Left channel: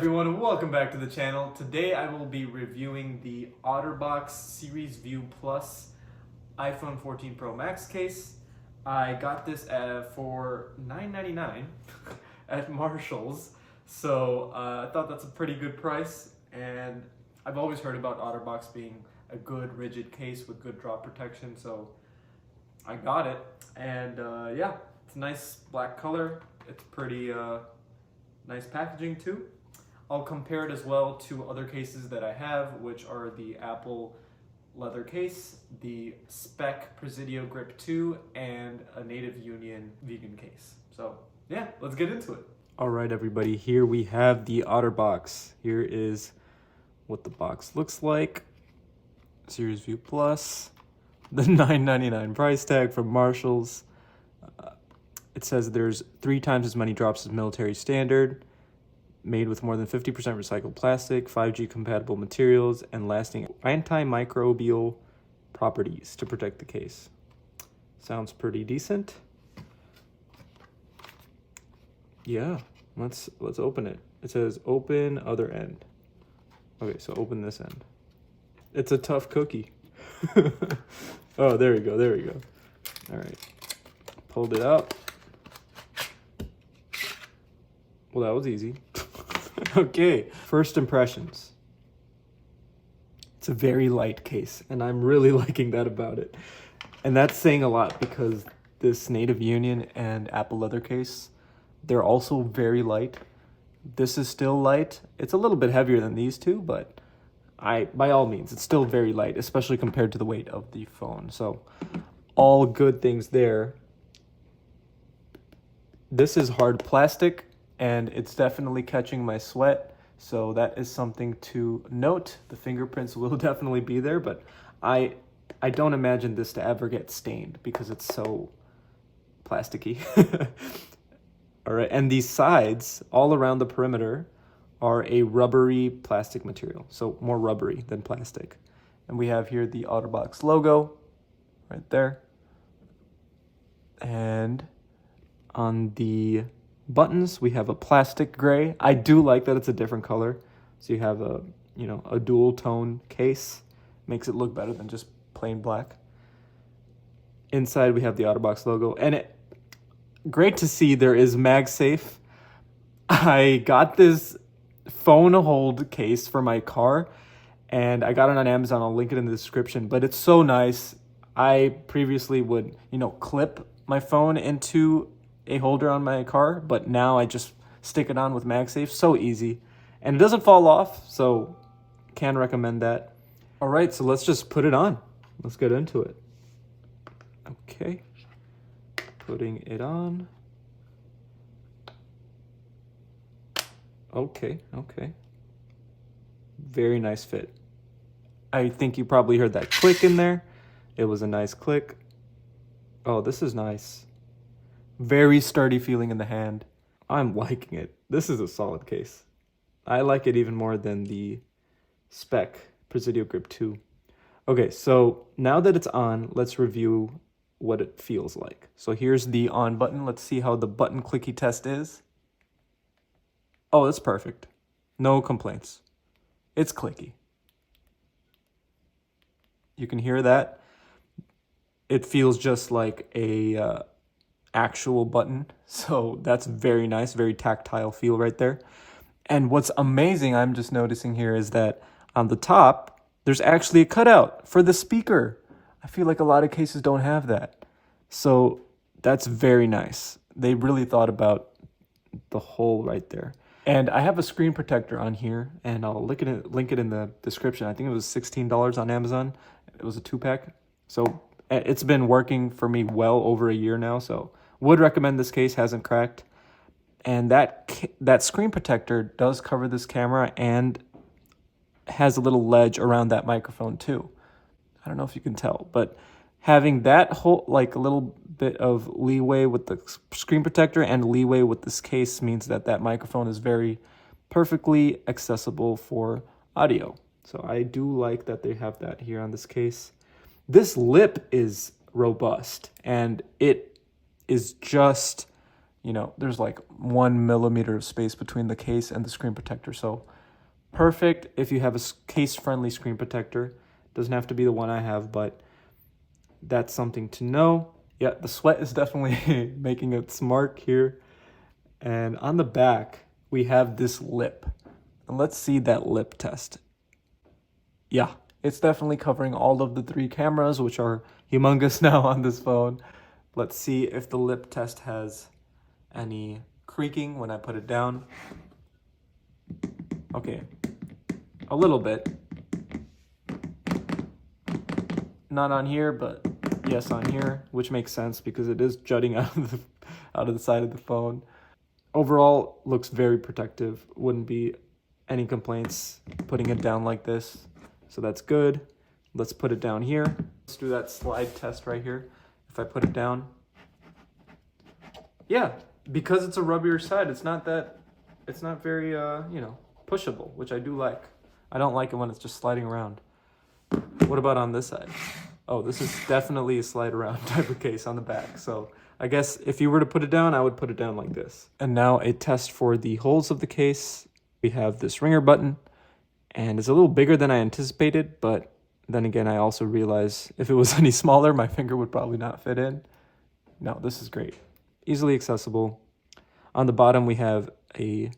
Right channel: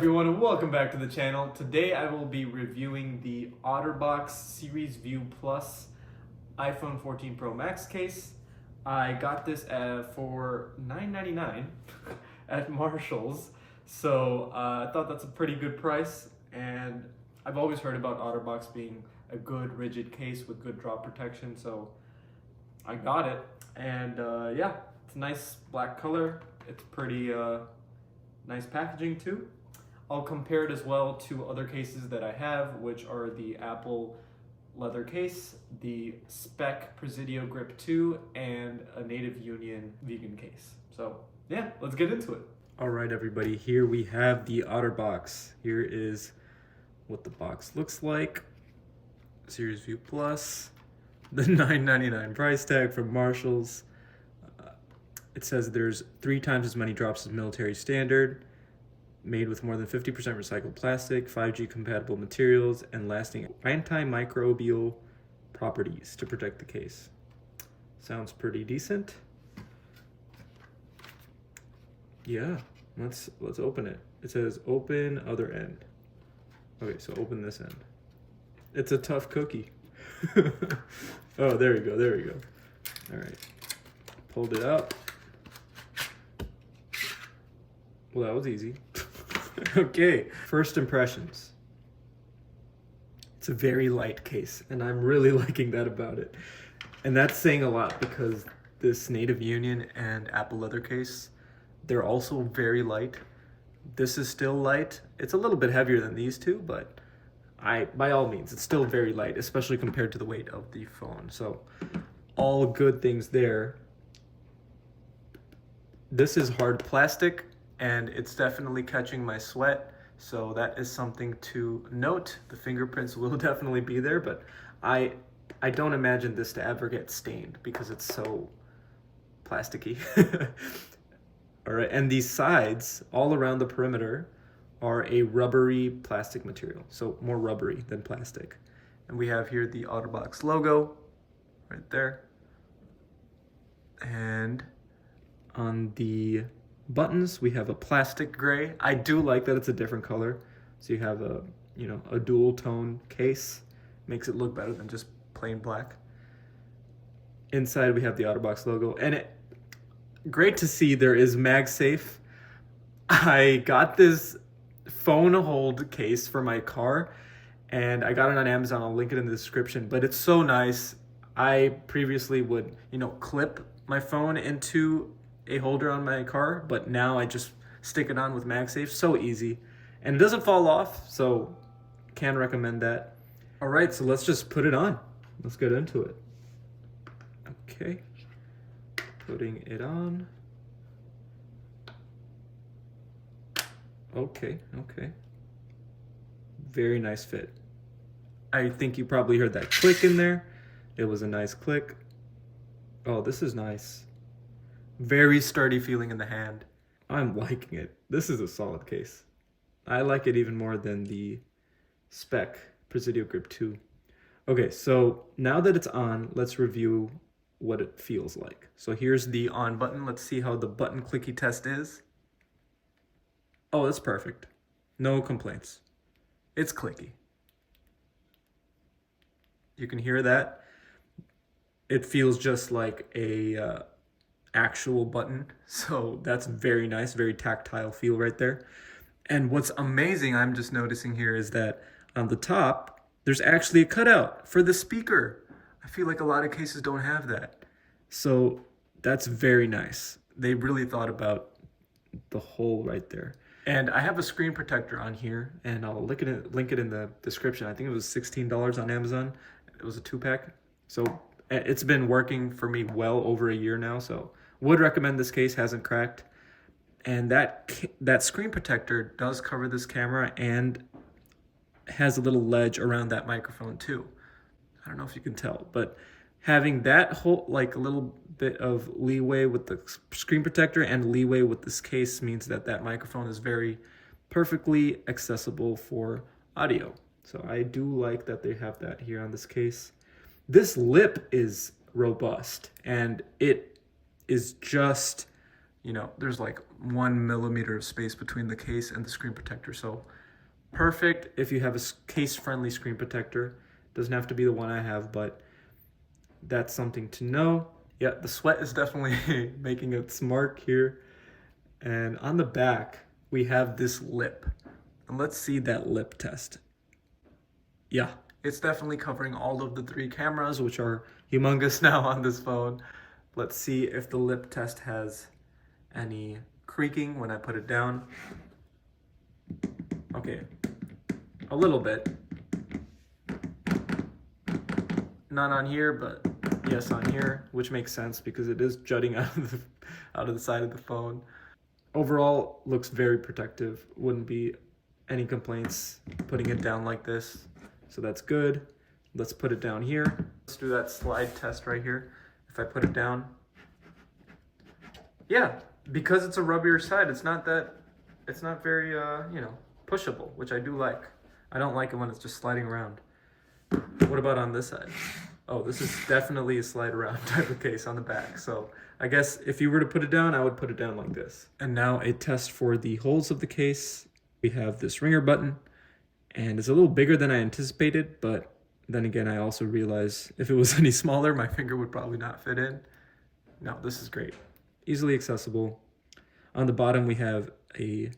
everyone, and welcome back to the channel. Today I will be reviewing the Otterbox Series View Plus iPhone 14 Pro Max case. I got this for $9.99 at Marshall's, so I thought that's a pretty good price, and I've always heard about Otterbox being a good rigid case with good drop protection, so I got it, and yeah, it's a nice black color. It's pretty nice packaging too. I'll compare it as well to other cases that I have, which are the Apple leather case, the Speck Presidio Grip 2, and a Native Union vegan case. So yeah, let's get into it. All right, everybody, here we have the Otterbox. Here is what the box looks like. Series View Plus, the $9.99 price tag from Marshall's. It says there's 3 times as many drops as military standard, made with more than 50% recycled plastic, 5G compatible materials, and lasting antimicrobial properties to protect the case. Sounds pretty decent. Yeah, let's open it. It says open other end. Okay, so open this end. It's a tough cookie. Oh, there we go, there we go. All right, pulled it out. Well, that was easy. Okay, first impressions. It's a very light case, and I'm really liking that about it. And that's saying a lot because this Native Union and Apple leather case, they're also very light. This is still light. It's a little bit heavier than these two, but by all means, it's still very light, especially compared to the weight of the phone. So all good things there. This is hard plastic, and it's definitely catching my sweat, so that is something to note. The fingerprints will definitely be there, but I don't imagine this to ever get stained because it's so plasticky. All right, and these sides all around the perimeter are a rubbery plastic material, so more rubbery than plastic. And we have here the Otterbox logo right there. And on the buttons, we have a plastic gray. I do like that it's a different color. So you have a dual tone case. Makes it look better than just plain black. Inside we have the Otterbox logo, and great to see there is MagSafe. I got this phone hold case for my car, and I got it on Amazon. I'll link it in the description, but it's so nice. I previously would, clip my phone into a holder on my car, but now I just stick it on with MagSafe. So easy, and it doesn't fall off, so can recommend that. All right, so let's just put it on. Let's get into it. Okay, putting it on. Okay. Very nice fit. I think you probably heard that click in there. It was a nice click. Oh, this is nice. Very sturdy feeling in the hand. I'm liking it. This is a solid case. I like it even more than the Speck Presidio Grip 2. Okay, so now that it's on, let's review what it feels like. So here's the on button. Let's see how the button clicky test is. Oh, that's perfect. No complaints. It's clicky. You can hear that. It feels just like a actual button, so that's very nice, very tactile feel right there. And what's amazing, I'm just noticing here, is that on the top there's actually a cutout for the speaker. I feel like a lot of cases don't have that, so that's very nice. They really thought about the hole right there. And I have a screen protector on here, and I'll link it in the description. I think it was $16 on Amazon. It was a 2-pack, so it's been working for me well over a year now, so would recommend this case. Hasn't cracked. And that screen protector does cover this camera and has a little ledge around that microphone too. I don't know if you can tell, but having that whole, like, a little bit of leeway with the screen protector and leeway with this case means that microphone is very perfectly accessible for audio. So I do like that they have that here on this case. This lip is robust, and it is just you know, there's like 1 millimeter of space between the case and the screen protector. So perfect if you have a case-friendly screen protector. Doesn't have to be the one I have, but that's something to know. Yeah, the sweat is definitely making its mark here. And on the back, we have this lip. And let's see that lip test. Yeah, it's definitely covering all of the 3 cameras, which are humongous now on this phone. Let's see if the lip test has any creaking when I put it down. Okay, a little bit. Not on here, but yes on here, which makes sense because it is jutting out of the side of the phone. Overall, looks very protective. Wouldn't be any complaints putting it down like this. So that's good. Let's put it down here. Let's do that slide test right here. If I put it down, yeah, because it's a rubbier side, it's not very, you know, pushable, which I do like. I don't like it when it's just sliding around. What about on this side? Oh, this is definitely a slide around type of case on the back. So I guess if you were to put it down, I would put it down like this. And now a test for the holes of the case. We have this ringer button, and it's a little bigger than I anticipated, but then again, I also realize if it was any smaller, my finger would probably not fit in. No, this is great. Easily accessible. On the bottom, we have a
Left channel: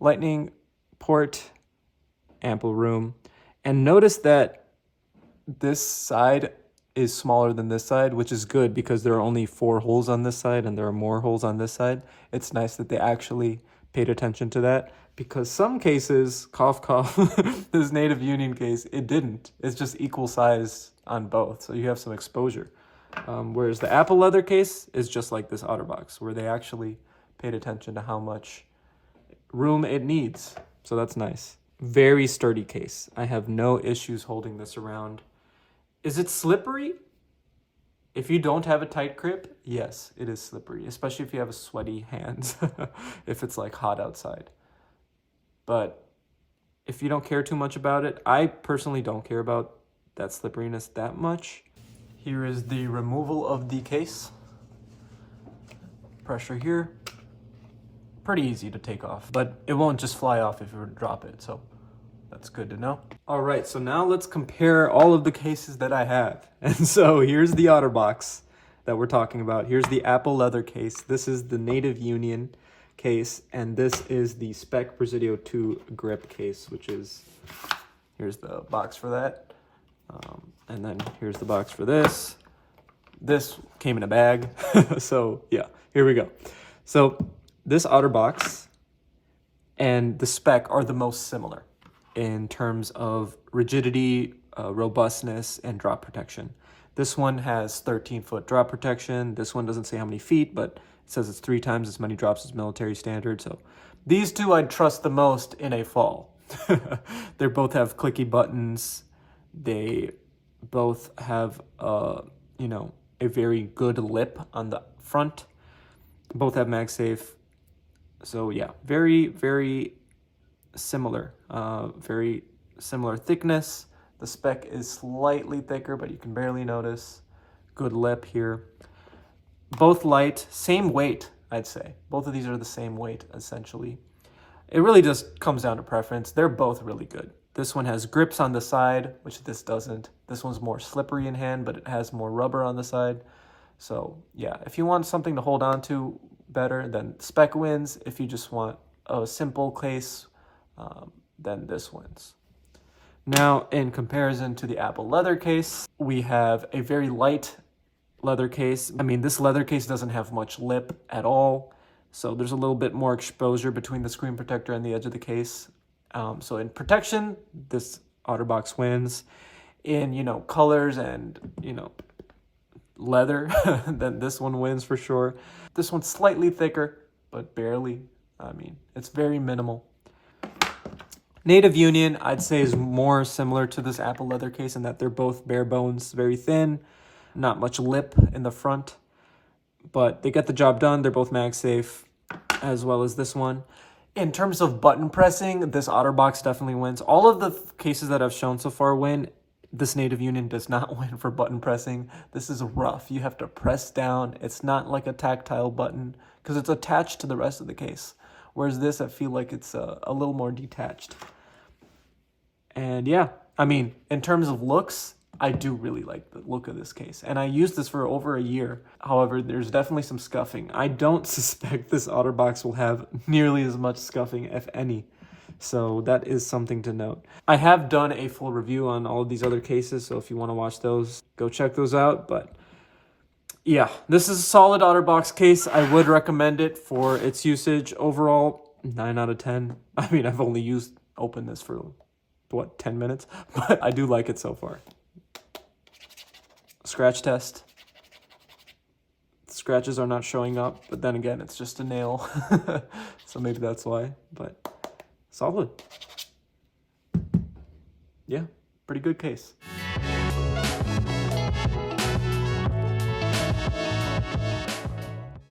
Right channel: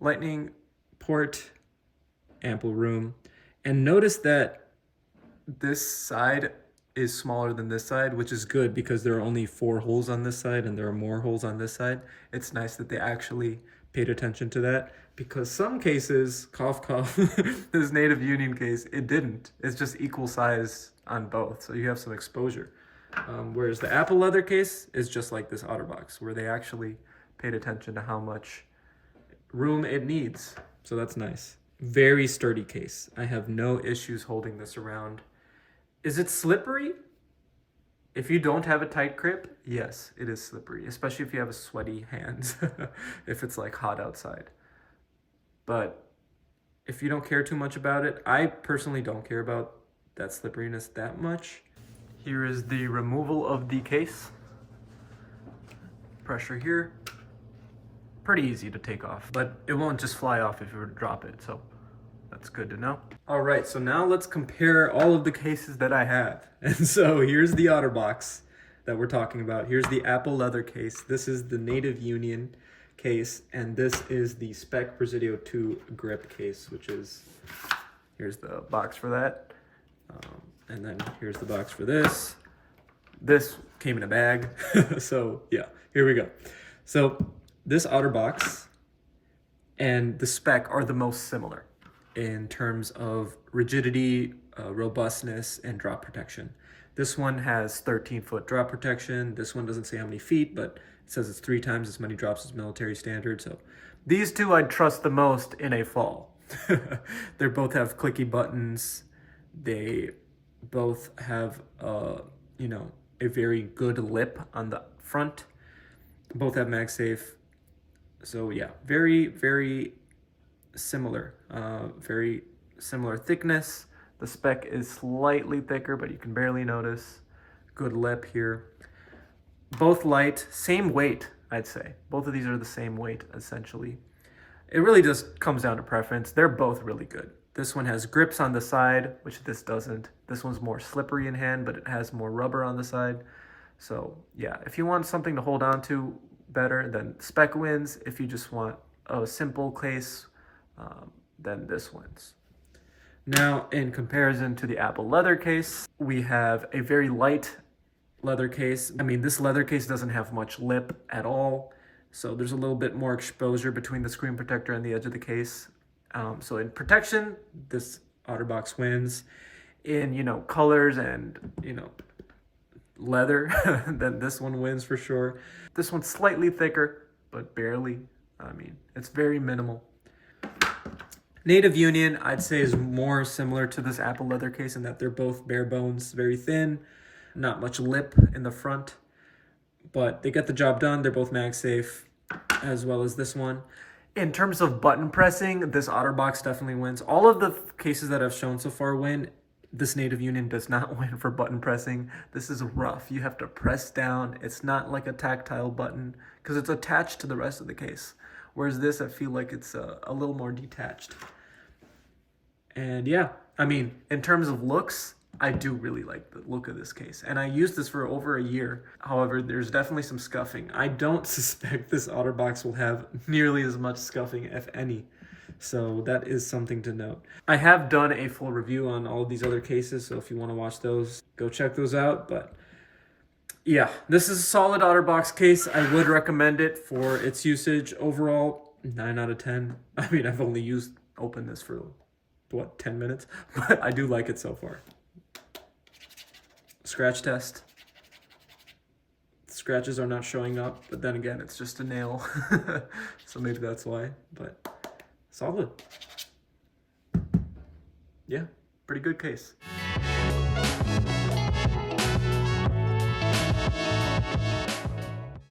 lightning port, ample room. And notice that this side is smaller than this side, which is good because there are only 4 holes on this side and there are more holes on this side. It's nice that they actually paid attention to that, because some cases, cough, cough, this Native Union case, it didn't. It's just equal size on both, so you have some exposure. Whereas the Apple leather case is just like this Otterbox, where they actually paid attention to how much room it needs. So that's nice. Very sturdy case. I have no issues holding this around. Is it slippery? If you don't have a tight grip, yes, it is slippery, especially if you have a sweaty hands, if it's like hot outside. But if you don't care too much about it, I personally don't care about that slipperiness that much. Here is the removal of the case. Pressure here. Pretty easy to take off, but it won't just fly off if you were to drop it, so that's good to know. All right, so now let's compare all of the cases that I have. And so here's the Otterbox that we're talking about. Here's the Apple leather case. This is the Native Union case, and this is the Speck Presidio 2 grip case, which is, here's the box for that. And then here's the box for this. This came in a bag. So yeah, here we go. So this Otterbox and the Speck are the most similar in terms of rigidity, robustness, and drop protection. This one has 13-foot drop protection. This one doesn't say how many feet, but it says it's 3 times as many drops as military standard. So these two I'd trust the most in a fall. They both have clicky buttons. They both have, you know, a very good lip on the front. Both have MagSafe. So yeah, very, very similar. Very similar thickness. The Speck is slightly thicker, but you can barely notice. Good lip here. Both light, same weight, I'd say. Both of these are the same weight, essentially. It really just comes down to preference. They're both really good. This one has grips on the side, which this doesn't. This one's more slippery in hand, but it has more rubber on the side. So yeah, if you want something to hold on to better, then Speck wins. If you just want a simple case, then this wins. Now, in comparison to the Apple leather case, we have a very light leather case. I mean, this leather case doesn't have much lip at all, so there's a little bit more exposure between the screen protector and the edge of the case. So in protection, this Otterbox wins. In, you know, colors and, you know, leather, then this one wins for sure. This one's slightly thicker, but barely. I mean, it's very minimal. Native Union, I'd say, is more similar to this Apple leather case in that they're both bare bones, very thin, not much lip in the front, but they get the job done. They're both MagSafe, as well as this one. In terms of button pressing, this Otterbox definitely wins. All of the cases that I've shown so far win. This Native Union does not win for button pressing. This is rough. You have to press down. It's not like a tactile button because it's attached to the rest of the case. Whereas this, I feel like it's a little more detached. And yeah, I mean, in terms of looks, I do really like the look of this case. And I used this for over a year. However, there's definitely some scuffing. I don't suspect this Otterbox will have nearly as much scuffing, if any. So that is something to note. I have done a full review on all of these other cases, so if you want to watch those, go check those out. But yeah, this is a solid Otterbox case. I would recommend it for its usage. Overall, 9 out of 10. I mean, I've only opened this for, what, 10 minutes? But I do like it so far. Scratch test. Scratches are not showing up, but then again, it's just a nail. So maybe that's why, but solid. Yeah, pretty good case.